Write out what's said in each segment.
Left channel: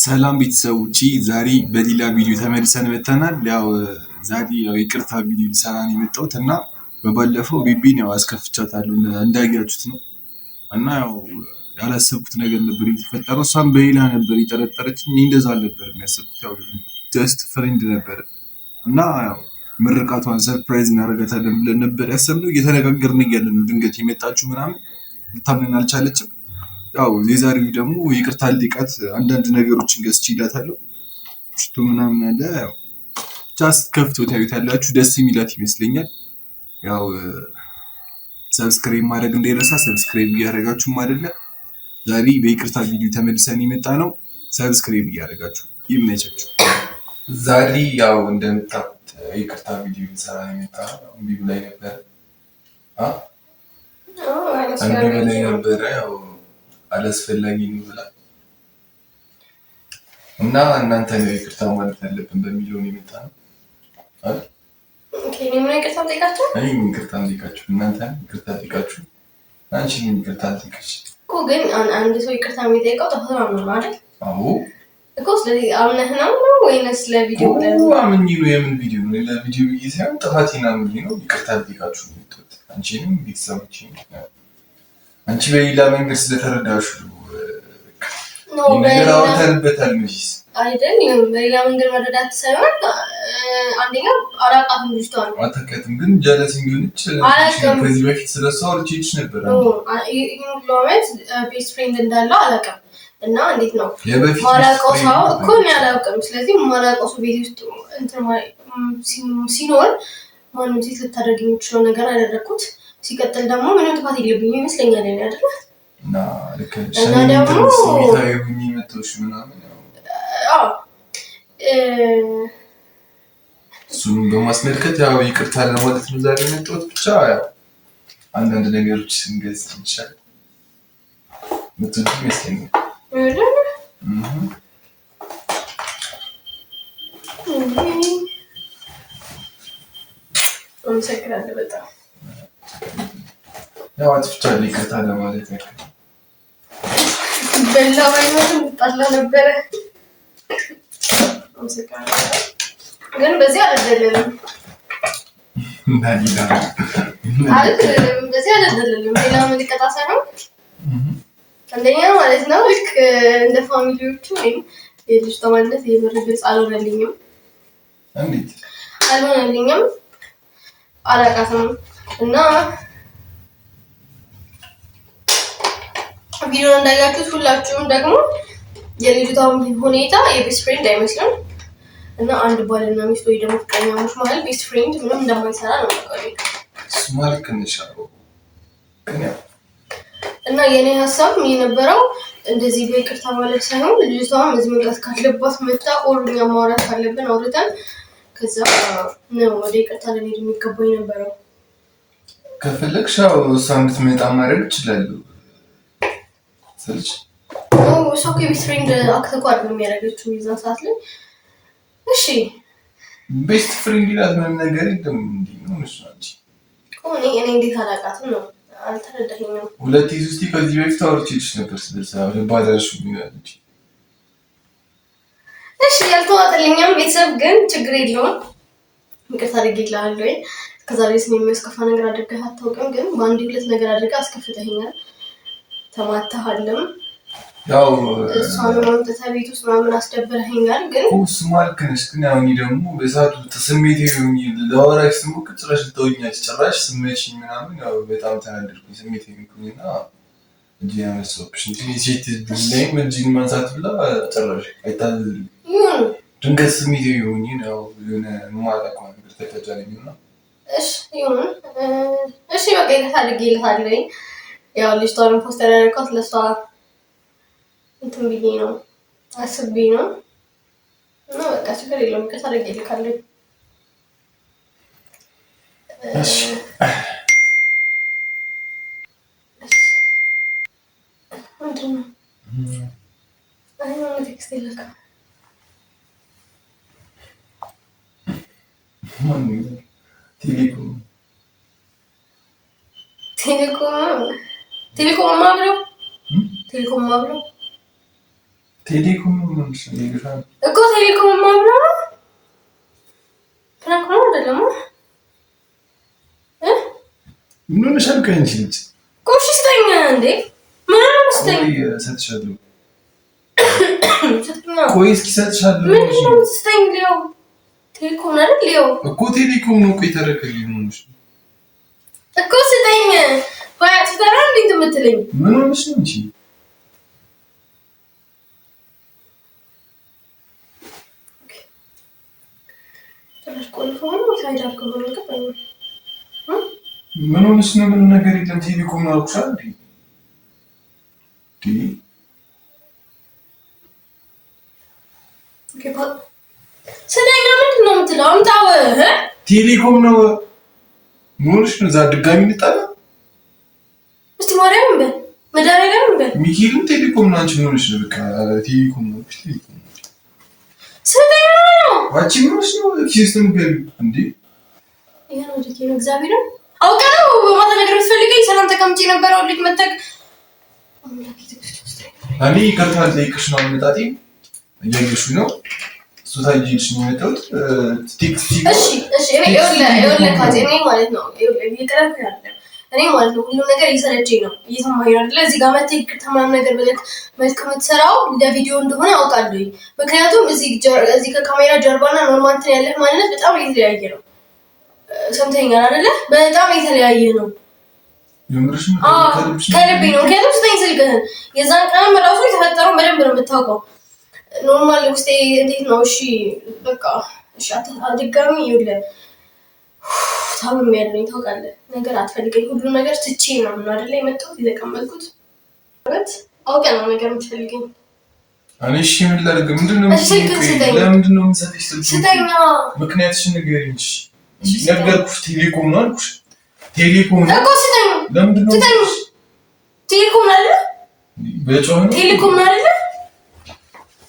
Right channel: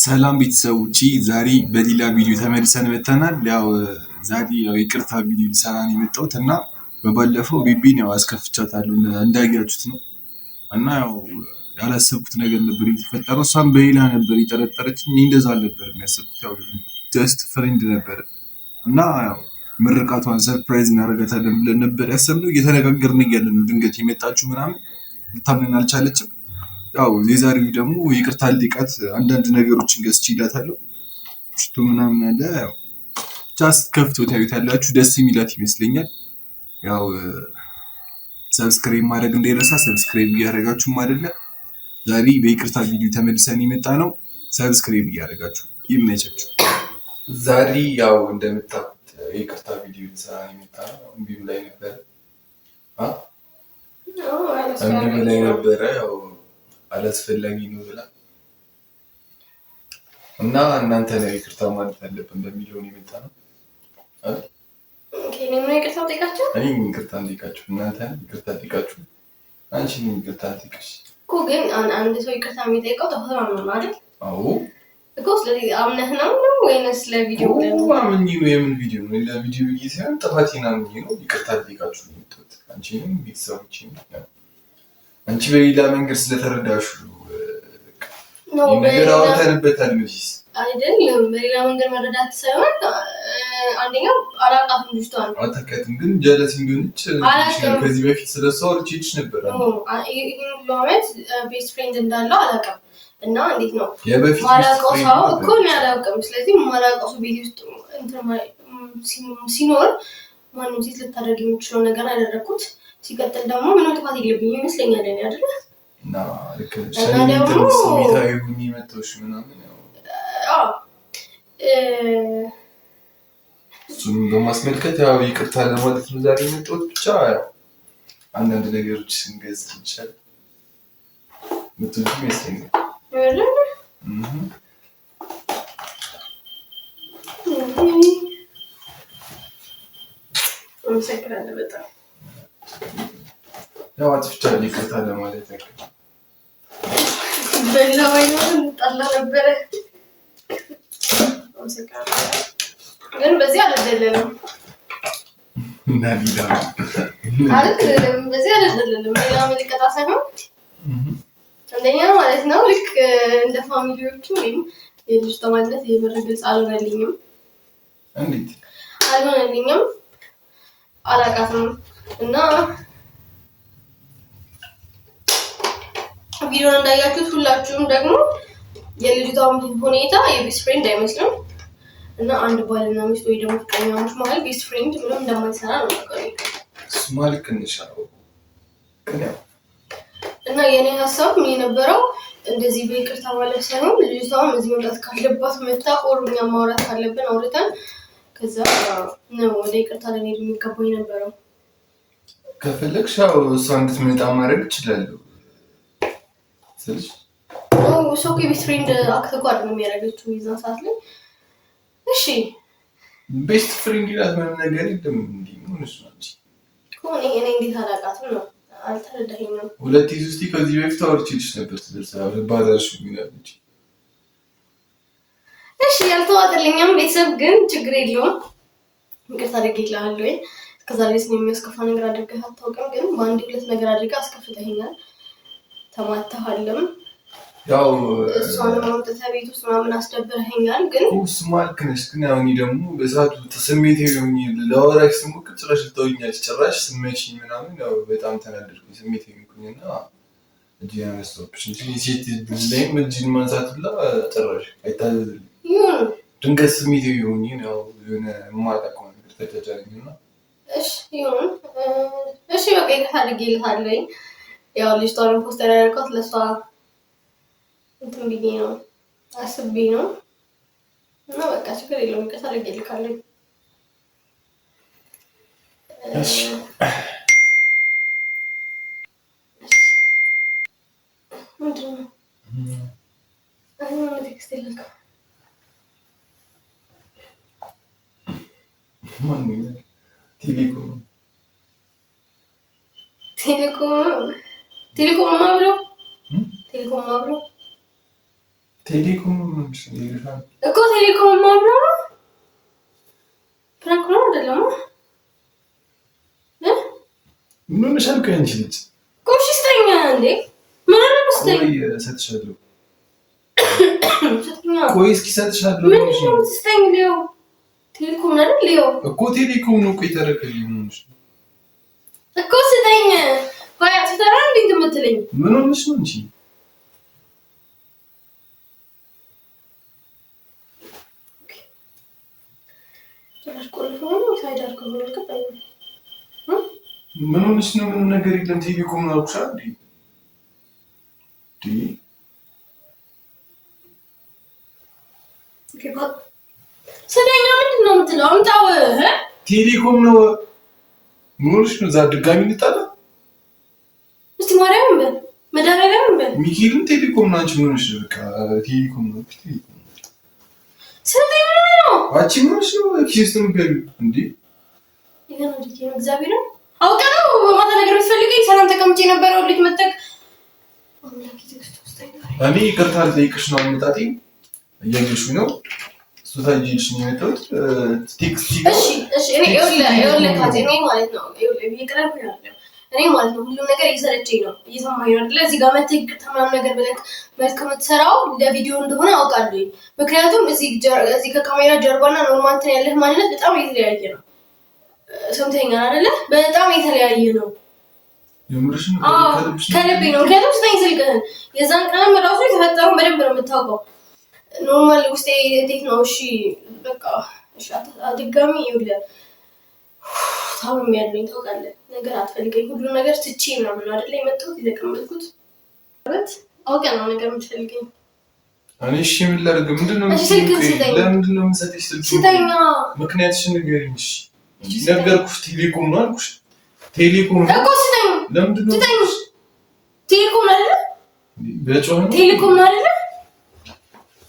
ሰላም ቤተሰቦቼ ዛሬ በሌላ ቪዲዮ ተመልሰን መጥተናል። ዛሬ ይቅርታ ቪዲዮ ልሰራ ነው የመጣሁት እና በባለፈው ቤቢን አስከፍቻታለሁ እንዳያችሁት ነው እና ያላሰብኩት ነገር ነበር የተፈጠረው። እሷም በሌላ ነበር የጠረጠረችኝ። እኔ እንደዛ አልነበረም ያሰብኩት፣ ጀስት ፍሬንድ ነበር እና ምርቃቷን ሰርፕራይዝ እናደርጋታለን ብለን ነበር ያሰብነው። እየተነጋገርን እያለ ነው ድንገት የመጣችሁ ምናምን ልታምነን አልቻለችም። የዛሬው ደግሞ ይቅርታ ልጠይቃት አንዳንድ ነገሮችን ገዝቼላታለሁ። ሽቶ ምናምን አለ። ብቻ ስትከፍቶ ታዩታላችሁ። ደስ የሚላት ይመስለኛል። ሰብስክራይብ ማድረግ እንዳይረሳ። ሰብስክራይብ እያደረጋችሁም አይደለ? ዛሬ በይቅርታ ቪዲዮ ተመልሰን የመጣ ነው። ሰብስክራይብ እያደረጋችሁ ይመቻችሁ። ዛሬ እንደምታውቁት ይቅርታ ቪዲዮ ልሰራ የመጣ ነው። እምቢ ብላኝ ነበረ አላስፈላጊ ነው ብላ እና እናንተ ነው ይቅርታ ማለት ያለብን በሚለው ነው የመጣ ነው አይደል? እኔም ይቅርታ ጠይቃችሁ እናንተ ይቅርታ ጠይቃችሁ አንቺ ምን ይቅርታ ጠይቃችሁ እኮ። ግን አንድ ሰው ይቅርታ የሚጠይቀው ተፈጥሮ ነው አይደል? አዎ እኮ። ስለዚህ አምነህ ነው ወይንስ ለቪዲዮ ነው? አምኜ ነው። የምን ቪዲዮ ነው? ለቪዲዮ ብዬ ሳይሆን ጥፋቴን አምኜ ነው ይቅርታ ጠይቃችሁ ነው የመጣሁት። አንቺንም ቤተሰቦችም አንቺ በሌላ መንገድ ስለተረዳሹ ነገር አውርተንበታል። መቼስ አይደለም በሌላ መንገድ መረዳት ሳይሆን አንደኛ አላውቃትም ልጅቷን አታውቂያትም፣ ግን ጀለስ ቢሆንች ከዚህ በፊት ስለሷ አውርቼሽ ነበር። ሎሜት ቤስት ፍሬንድ እንዳለው አላውቅም እና እንዴት ነው ማላውቀው ሰው እኮ ነው ያላውቅም። ስለዚህ ማላውቀው ሰው ቤት ውስጥ ሲኖር ማንም ሴት ልታደርግ የሚችለው ነገር አደረኩት። ሲቀጥል ደግሞ ምንም ጥፋት የለብኝም ይመስለኛል እኔ አይደል? እና ደግሞ ስሜታዊ ሆኜ መጥቶሽ ምናምን እሱን በማስመልከት ይቅርታ ለማለት ነው ዛሬ የመጣሁት። ብቻ አንዳንድ ነገሮች ስንገዝ ይቻላል ምትሉ ይመስለኛል። አመሰግናለሁ በጣም አጥፍቻለሁ። ይቅርታ ለማለት ያክል በላ ባይሆንም ጣላ ነበረ። ግን በዚህ አልደለለም ማለት በዚህ አልደለለም። ሌላ መልቀጣ ሳይሆን አንደኛ ማለት ነው ልክ እንደ ፋሚሊዎቹ ወይም የልጅቷ ማንነት የመረግልጽ አልሆነልኝም። እንዴት አልሆነልኝም? አላውቃትም እና ቪዲዮ እንዳያችሁት ሁላችሁም ደግሞ የልጅቷ ሁኔታ የቤስት ፍሬንድ አይመስልም እና አንድ ባልና ሚስት ወይ ደግሞ ፍቅረኛሞች መሀል ቤስት ፍሬንድ ምንም እንደማይሰራ ነው የማውቀው። እሱማ ልክ ነሽ እና የኔ ሀሳብ የነበረው እንደዚህ በይቅርታ ማለት ሳይሆን ልጅቷም እዚህ መምጣት ካለባት መጣ ኦርኛ ማውራት ካለብን አውርተን ከዛ ነው ወደ ይቅርታ ልንሄድ የሚገባው የነበረው። ከፈለግሽ እሷ እንድትመጣ ማድረግ እችላለሁ ስልሽ ሰው ቤስት ፍሬንድ አክት እኮ አይደለም የሚያደርገችው የዛን ሰዓት ላይ። እሺ ቤስት ፍሬንድ ይላል ምንም ነገር የለም። እንዲህ ነው እሱ አንቺ እኔ እንዴት አላውቃትም ነው አልተረዳኸኝም። ሁለት ሶስት ከዚህ በፊት አውርቼሽ ነበር ስለዛ ባዳሽ ምናልሽ። እሺ ያልተዋጠልኝም ቤተሰብ ግን ችግር የለውም ይቅርታ አድርጌልሃለሁ። እስከዛ ድረስ የሚያስከፋ ነገር አድርገህ አታውቅም፣ ግን በአንድ ሁለት ነገር አድርገህ አስከፍተኸኛል። ተማታሃልም እሷንም አምጥተህ ቤት ውስጥ ምናምን አስደብረኸኛል። ግን እሱማ ልክ ነሽ፣ ግን እኔ ደግሞ በሰዓቱ ስሜታዊ ሆኜ ላወራሽ ስሞክር ጭራሽ ልተውኛለሽ። ጭራሽ ስመችኝ ምናምን በጣም ተናደድኩኝ። ስሜታዊ ሆንኩኝና እጅን አነሳሁብሽ እንጂ ሴት ላይም እጅን ማንሳት ብላ ጭራሽ አይታዘዝልኝም። ድንገት ስሜታዊ ሆኜ የሆነ የማላውቀው ነገር ተጫጫነኝና እሺ ይሁን እሺ በቃ ይቅርታ አድርጌልሃለሁ። ልጅቷን ፖስተር ያደረኳት ለሷ እንትን ብዬ ነው አስቤ ነው እና በቃ ችግር የለውም ይቅርታ አድርጌልሃለሁ። እሺ ምንድን ነው ቴክስት የለካ ቴሌኮም ቴሌኮም ይገፋል እኮ ቴሌኮም ማብራ ፍራንክ ነው አይደለም ምን ሆነሻል? ከአንቺ ልጅ ቆሽስተኛ እንዴ ምን ነው መስተኝ ሰጥሻለሁ ቆይ እስኪ ሰጥሻለሁ ምን ነው መስተኝ ሊዮ ቴሌኮም አይደል ሊዮ እኮ ቴሌኮም ነው እኮ የተረከልኝ ነው እኮ ስጠኝ ወይ አትተራ እንዴት የምትለኝ ምን ሆነሽ ነው እንጂ ተላሽ ቆልፎን ሳይዳር ከሆነ ከፈለ ምን ሆነሽ ነው? ምን ነገር የለም ቴሌኮም ነው አልኩሽ እንዴ ስጠኝ ምንድን ነው የምትለው? አምጣው ቴሌኮም ነው ሞልሽ ነው ዛ ድጋሚ እንጣላ እስቲ ማርያም በል መዳረጋም በል ሚኪልም ቴሌኮም ነው አንቺ ምን ሆነሽ ነው? በቃ ቴሌኮም ነው ስጠኝ ነው አንቺ ምን ሆነሽ ነው? ሲስተም ገል እንዴ ይሄ ነው ልጅ እግዚአብሔር አውቀው በማታ ነገር ፈልገኝ ሰላም ተቀምጬ የነበረው ልጅ መጣክ እኔ ይከታል ጠይቅሽ ነው መጣጤ እያየሽ ነው ሶታጂሽ ነው የመጣሁት ቴክስት እሺ እኔ ይኸውልህ ካዜ እኔ ማለት ነው ይቀርብ ያለው እኔ ማለት ነው ሁሉ ነገር እየሰለቸኝ ነው እየሰማኝ አይደለ እዚህ ጋር መጥተህ ይቅርታ ምናምን ነገር ብለህ መልካም የምትሰራው ለቪዲዮ እንደሆነ አውቃለሁ ምክንያቱም እዚህ ከካሜራ ጀርባና ኖርማል እንትን ያለህ ማንነት በጣም የተለያየ ነው ሰምተኛል አይደለ በጣም የተለያየ ነው የምርሽ ነው ከልቤ ነው ምክንያቱም ስጠኝ ስልክህን የዛን ቀን ራሱ የተፈጠረው በደንብ ነው የምታውቀው ኖርማል ውስጤ እንዴት ነው እሺ በቃ እሺ አትድጋሚ ይኸውልህ ታውም ያለኝ ታውቃለህ ነገር አትፈልገኝ ሁሉ ነገር ትቼ ነው አይደለ የመጣሁት የተቀመጥኩት ማለት አውቀህ ነው ነገር የምትፈልገኝ እኔ እሺ ምን ላድርግ ምንድነው ለምንድን ነው የምትሰጥሽ ስልኩን ምክንያትሽን ንገሪኝ ነገርኩሽ ቴሌኮም ነው አልኩሽ ቴሌኮም እኮ ስጠኝ ለምንድን ነው ቴሌኮም አይደለ በጮህ ነው ቴሌኮም አይደለ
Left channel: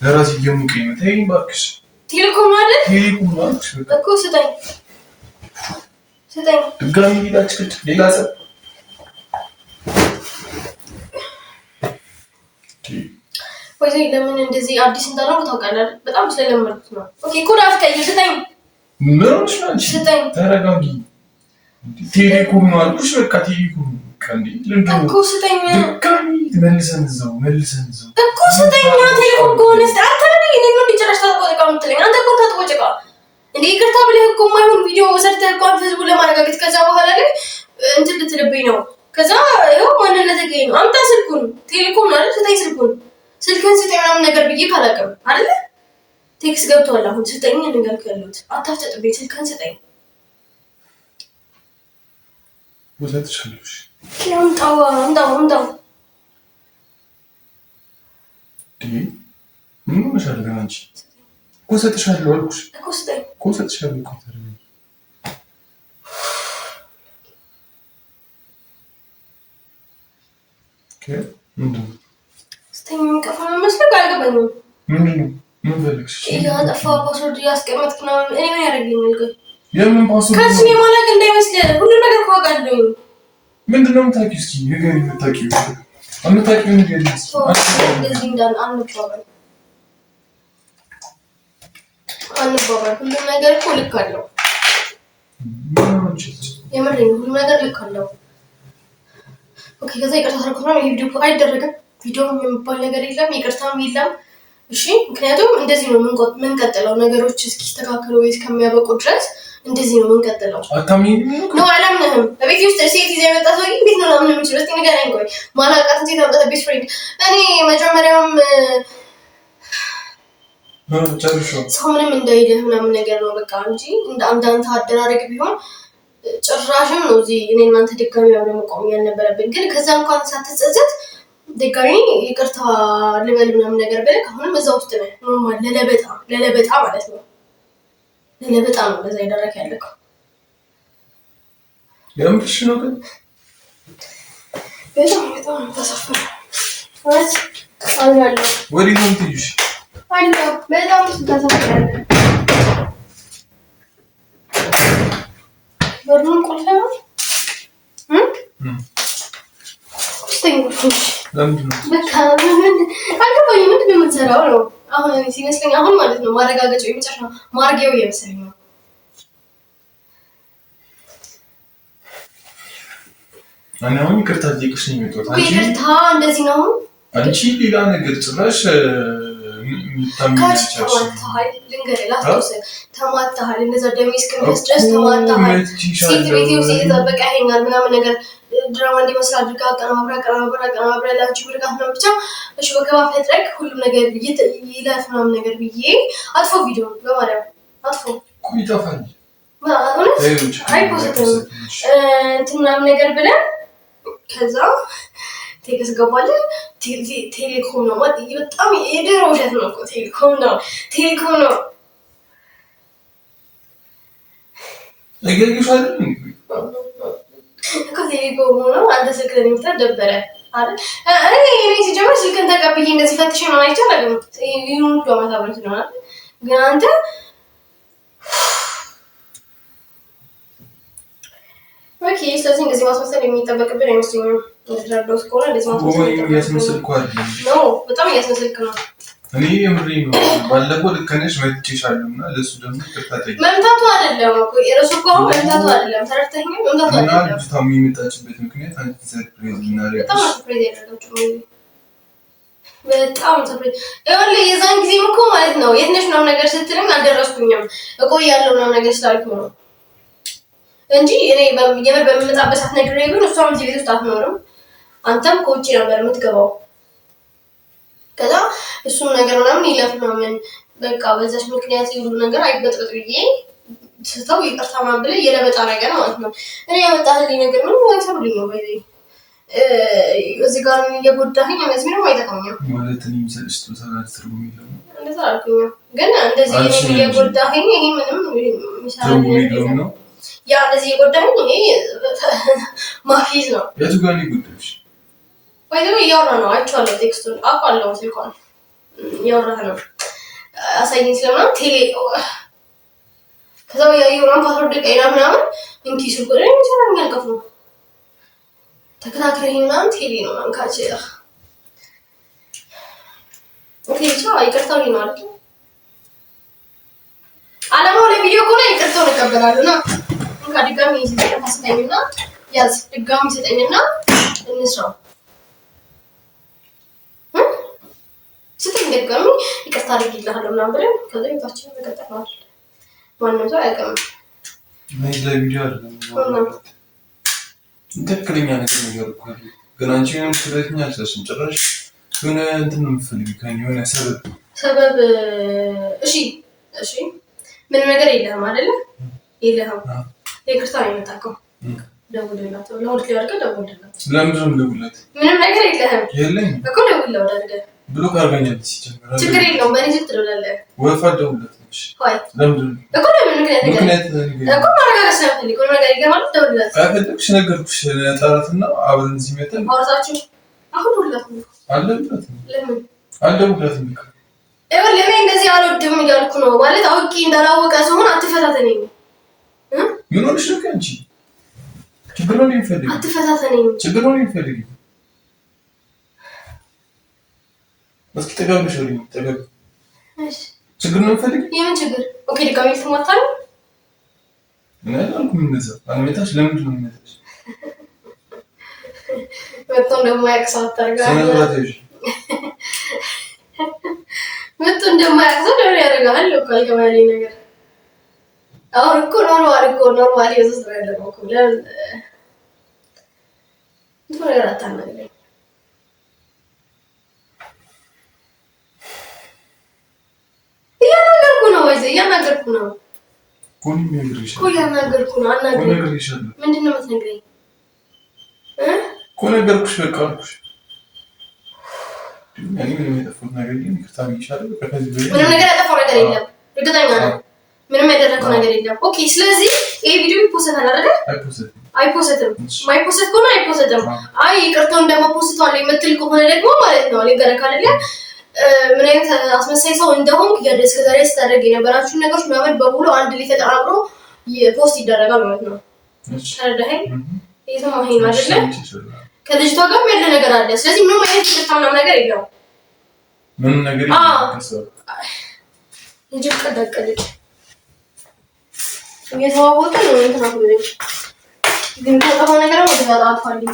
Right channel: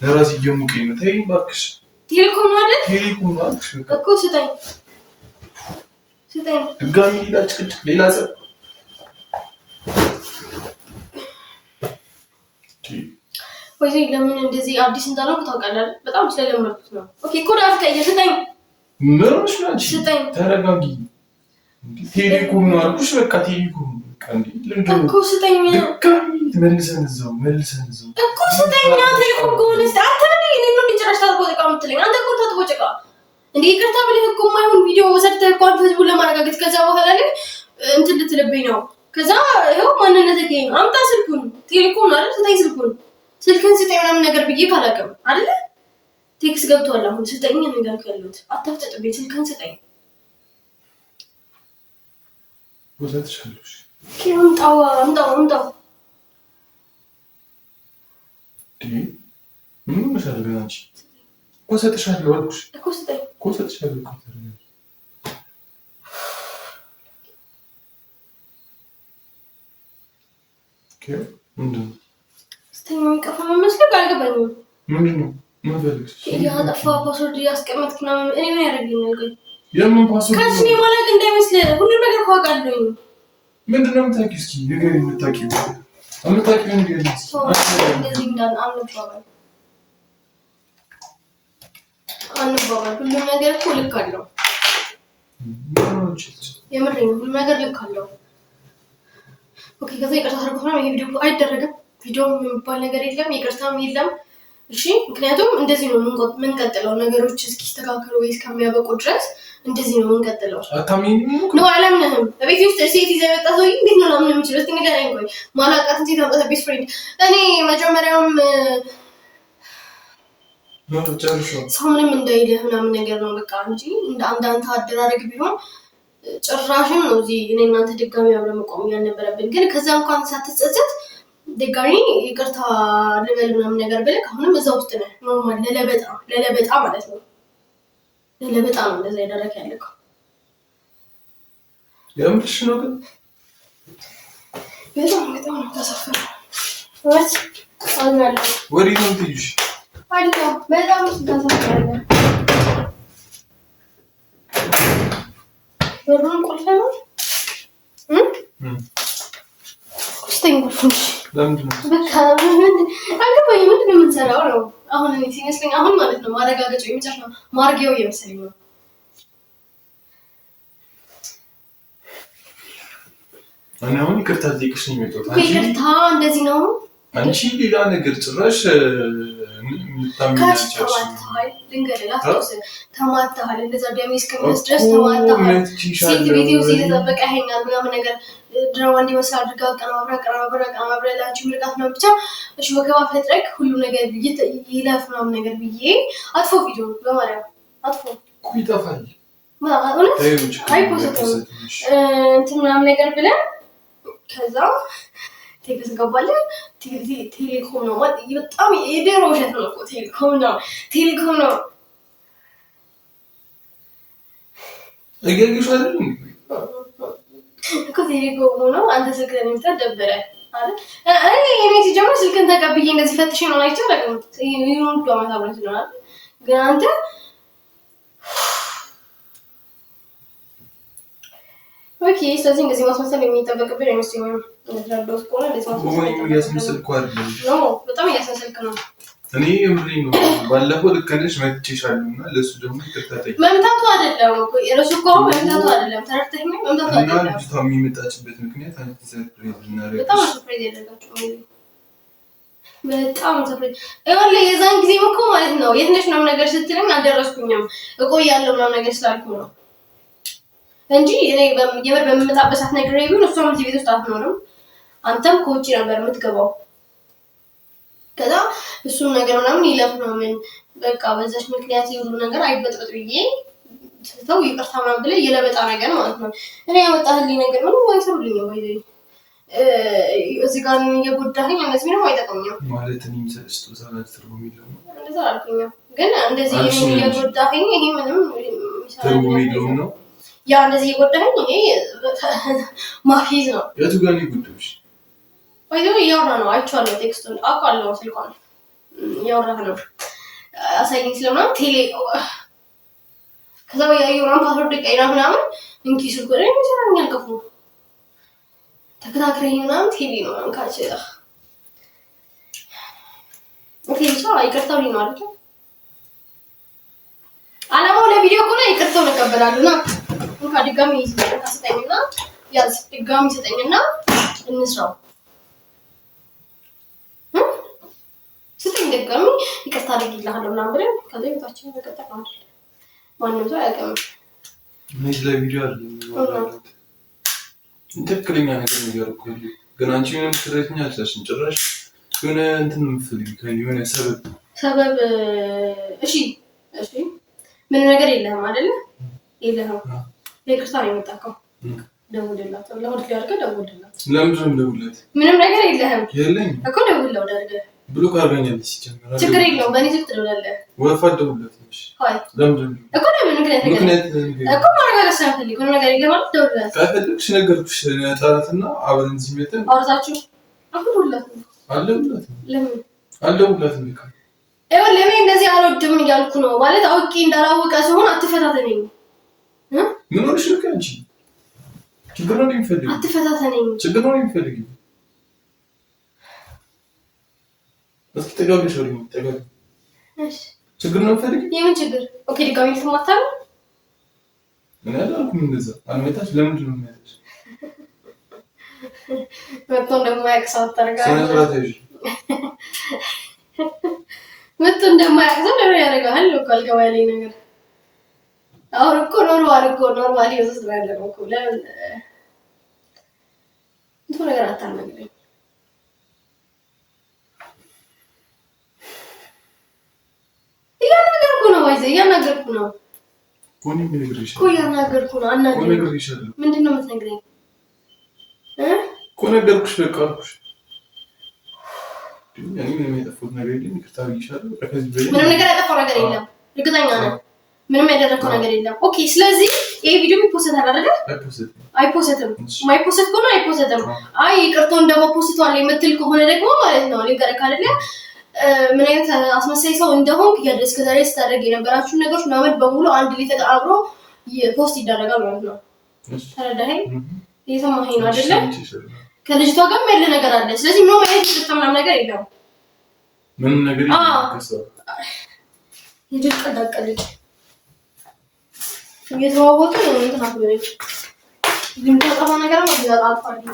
ለራስ ይየሙቀኝ ነው ተይኝ እባክሽ ቴሌኮም አይደለ ቴሌኮም ነው አልኩሽ እኮ ስጠኝ ድጋሚ ሊላጭቅጭ ሌላ ሰው ወይኔ ለምን እንደዚህ አዲስ እንዳለው ታውቃለህ በጣም ስለለመድኩት ነው ኦኬ ኮድ አስቀይር ስጠኝ ምን ሆነሽ ነው አንቺ ተረጋጊ ቴሌኮም ነው አልኩሽ በቃ ቴሌኮም እንዴ ለምንድን ነው እኮ ስጠኝ ድጋሚ መልሰን እዛው እኮ ስጠኝ ቴሌኮም ከሆነ አንተ ነህ እኔ ነው እንዲጨራሽ ታጥቆ ምትለኝ አንተ እኮ ታጥቆ ጭቃ እንዴ ይቅርታ ብለህ እኮ ማይሆን ቪዲዮ ሰርተህ እኮ አንተ ህዝቡን ለማረጋገጥ ከዛ በኋላ ላይ እንትን ልትልብኝ ነው ከዛ ይኸው ማንነትህ ነው አምጣ ስልኩን ቴሌኮም ነው አይደል ስጠኝ ስልክህን ስጠኝ ምናምን ነገር ብዬ ካላቀም አይደል ቴክስት ገብቷል አሁን ስጠኝ ነገር ከሉት አታፍጠጥብኝ ስልክህን ስጠኝ ወለት ሸልሽ አምጣው ምን መሻል ገና አንቺ ኮሰጥሻለሁ አልኩሽ እኮ ስጠኝ ኮሰጥሻለሁ እኮ ምንድነው ስጠኝ የሚቀፋ መስለህ አልገባኝም ምንድነው ምን ፈልግሽ ያጠፋ ፓስወርድ ያስቀመጥክ ነው እኔ ምን ያደርገኛል ግን የምን ፓስወርድ ከዚህ ማለት እንዳይመስልህ ሁሉ ነገር ካውቃለሁ ምንድነው የምታውቂው እስኪ ንገሪኝ የምታውቂው ንገሪኝ እስኪ እንደዚህ እንዳን አንባባል ሁሉ ነገር እኮ ልክ አለው የምሬን ሁሉ ነገር ልክ አለው ኦኬ ከዛ ይቅርታ ታርጉት ይሄ ቪዲዮ አይደረግም ቪዲዮ የሚባል ነገር የለም ይቅርታም የለም እሺ ምክንያቱም እንደዚህ ነው ምንቀጥለው ነገሮች እስኪስተካከሉ ወይ እስከሚያበቁ ድረስ እንደዚህ ነው ምንቀጥለው አታምኚኝ ነው አላምንህም ቤት ውስጥ ሴት ይዘህ የመጣ ሰው እንዴት ነው ለምን የምችለው እስኪ ንገረኝ ቆይ ማላውቃት ሴት አምጣት ቤስት ፍሬንድ እኔ መጀመሪያም ሰው ምንም እንዳይልህ ምናምን ነገር ነው በቃ እንጂ አንዳንተ አደራረግ ቢሆን ጭራሽም ነው እዚህ እኔ እናንተ ድጋሚ አብረን መቆም ያልነበረብን ግን ከዛ እንኳን ሳትጸጸት ድጋሚ ይቅርታ ልበል ምናምን ነገር ብለህ አሁንም እዛ ውስጥ ነህ ኖርማል ለለበጣ ማለት ነው ለለበጣ ነው እንደዛ ያደረክ ያለከው የምርሽ ነው ግን በጣም ተሰፈረ ወይስ አልላለ ወዲህ ነው ትይሽ አይደል በጣም ተሰፈረ በሩን ቆልፈና በቃ አልገባኝም። ምንድን ነው የምንሰራው ነው አሁን? እኔ ሲመስለኝ አሁን ማለት ነው ማረጋገጫው የመጨረሻ ማርጌው እየመሰለኝ ነው። እኔ አሁን ይቅርታ ልጠይቅሽ ነው የመጣሁት። ይቅርታ እንደዚህ ነው? አንቺ ሌላ ነገር ጭራሽ ተማታሃል። ልንገርህ ላስታውስህ፣ ተማታሃል። እንደዛ ደሜ እስከሚፈስ ድረስ ተማታሃል። ሴት ቤቴ ውስጥ የተጠበቀ ይሄኛል ምናምን ነገር ድራማ እንዲመስል አድርጋ ቀናብራ ላንቺ ምርቃት ነው ብቻ እሺ በከባ ፈጥረክ ሁሉ ነገር ይለፍ ምናምን ነገር ብዬ አጥፎ ቪዲዮ በማርያም አጥፎ ይጠፋል። አይፖስትም እንትን ምናምን ነገር ብለን ከዛ ቴክስ ገባለ። ቴሌኮም ነው ማለት በጣም የድሮ ውሸት ነው እኮ ቴሌኮም ነው እገርግሽ አይደል እኮ ቴሌኮም ነው። አንተ ስልክህን የምትለው ደበረ አይደል? እኔ ሲጀምር ስልክህን ተቀብዬ እንደዚህ ፈትሼ ነው አይቻልም። ይሁን ሁሉ አመት አብረን ስለሆነ ግን አንተ ኦኬ። ስለዚህ እንደዚህ ማስመሰል የሚጠበቅብን አይመስለኝም። እንደተረዳሁት ከሆነ እንደዚህ ማስመሰል እያስመሰልኩ አይደለም። ነው በጣም እያስመሰልክ ነው። እኔ የምሬን ነው። ባለፈው ልክ ነሽ መትቼሻለሁ እና ለእሱ ደግሞ ይቅርታ ጠይቅ። መምታቱ አይደለም እኮ እረሱ እኮ መምታቱ አይደለም። ተረድተኸኝ? መምታቱ አይደለም። እና ልጅቷ የሚመጣችበት ምክንያት አንቺ ሰርፕራይዝ እናደርግሽ በጣም ሰርፕራይዝ ያደረጋችሁ በጣም ሰርፕራይዝ ይኸውልህ፣ የዛን ጊዜም እኮ ማለት ነው የት ነሽ ምናምን ነገር ስትለኝ አልደረስኩኝም እቆያለሁ ምናምን ነገር ስላልኩ ነው እንጂ እኔ የምር በምመጣበት ሰዓት ነግሬ ቢሆን እሷም እዚህ ቤት ውስጥ አትኖርም። አንተም ከውጭ ነበር የምትገባው። ከዛ እሱን ነገር ምናምን ይለፍ ምናምን በቃ በዛች ምክንያት የሁሉ ነገር አይበጥበጥ ብዬ ስተው ይቅርታ ምናምን ብለህ የለበጣ ነገር ማለት ነው። እኔ ያመጣህልኝ ነገር ምንም አይሰሩልኝ ነው ወይ እዚህ ጋር እየጎዳኸኝ እነዚህ ምንም አይጠቅሙኝም ማለት እኔ የምሰጥሽ ተሳዳጅ ትርጉም የለውም። እንደዛ አልኩኝም፣ ግን እንደዚህ እየጎዳኸኝ ይሄ ምንም ትርጉም የለውም ነው ያ እንደዚህ እየጎዳኸኝ ይሄ ማፊዝ ነው። የቱ ጋር ነው የጎዳሽ? ወይ እያወራ ነው። አይቼዋለሁ፣ ቴክስቱን አውቃለሁ። ስልኳን እያወራህ ነው አሳይኝ ስለሆነ ቴሌ ከዛ ያየውራን ፓስወርድ ቀይራ ምናምን እንኪ ስልኩ ላይ ይሰራኝ አልከፍ ነው ተከታትረኝ ምናምን ቴሌ ነው አንካች ኦኬ ብቻ ይቅርታው ነው አይደል? አላማው ለቪዲዮ ከሆነ ይቅርታው እንቀበላለን። እንካ ድጋሚ ይስጠኝና ታስጠኝና ያዝ ድጋሚ ይስጠኝና እንስራው ስትኝ ድጋሚ ይቅርታ አድርጊልሃለሁ ምናምን ብለን ከዛ ቤታችን ተቀጠቅናል። ማንም ሰው አያውቅም። ምን ለቪዲዮ አይደለም ትክክለኛ ነገር እኮ ግን አንቺ ምንም ስለኛ አልሰሽም ጭራሽ የሆነ እንትን ነው የምትፈልጊው ከእኔ የሆነ ሰበብ እሺ ምንም ነገር የለህም አይደለ? የለህም። ይቅርታ ነው የመጣከው። ደውልላት ለሁሉ ያርጋ ደውልላት። ለምንድን ነው የምደውልላት? ምንም ነገር የለህም የለኝም እኮ ደውልላት ወዳርገ ብሎክ አድርጋኛለች። ሲጀምር ችግር የለውም። በእኔ ስልክ ትደውላለህ። ወፋ ደውልላት ነሽ ሆይ ለምንድን እኮ ለምን ምክንያት እኮ ማረጋገጥ ስለምፈልግ ምንም ነገር ይገማል። ደውልላት ከፈለግሽ ነገርኩሽ። ጠራትና አብረን እዚህ መተን አውርታችሁ አሁን ደውልላት ነው አለሁላት። ለምን አልደውልላትም? ይኸውልህ እኔ እንደዚህ አልወድም እያልኩ ነው ማለት አውቄ እንዳላወቀ ሲሆን አትፈታተነኝ። ምን ሆነሽ ነው? አንቺ ችግር ነው የሚፈልግ አትፈታተነኝ። ችግር ነው የሚፈልግ እስኪ ተጋብሽ ወይ ተጋብ እሺ ችግር ነው የሚፈልግ የምን ችግር? ኦኬ ድጋሚ ልትማታል ምን አልኩም። እንደዛ አልመጣሽ። ለምንድን ነው የምመጣሽ? መጥቶ እንደማያውቅ ሰው አታርጋለህ። መጥቶ እንደማያውቅ ሰው ለምን ያደርጋል? እኮ አልገባኝ ነገር አሁን እኮ ኖርማሊ ወስስ ነው ያለው እኮ ለምን እንትን ነገር አታናግረኝ። እያናገርኩ ነው አናግረኝ። ምንድን ነው የምትነግረኝ? እኮ ነገርኩሽ። በቃ አልኩሽ። ምንም የጠፋሁት ነገር የለም። ይቅርታ ብዬሻለሁ። ምንም ነገር ያጠፋው ነገር የለም። እርግጠኛ ነኝ። ምንም ያደረከው ነገር የለም። ኦኬ ስለዚህ ይሄ ቪዲዮ ይፖስታል አይደል? አይፖስትም። ማይፖስት ከሆነ አይፖስትም። አይ ይቅርታውን ደግሞ ፖስቷል የምትል ከሆነ ደግሞ ማለት ነው ልንገርህ አይደለ ምን አይነት አስመሳይ ሰው እንደሆንክ እስከ ዛሬ ስታደርግ የነበራችሁን ነገሮች ምናምን በሙሉ አንድ ላይ ተቀራብሮ ፖስት ይደረጋል ማለት ነው። ተረዳኸኝ? እየሰማኸኝ ነው አይደለ? ከልጅቷ ጋር ያለ ነገር አለ። ስለዚህ ምንም አይነት ተጣምናም ነገር የለውም። ምን ነገር ይከሰው ልጅ ቀዳቀልኝ የተዋወቀ ነው እንትን አትበለኝ። ግን ተጣጣ ነገር ወደ ጋር አጥፋልኝ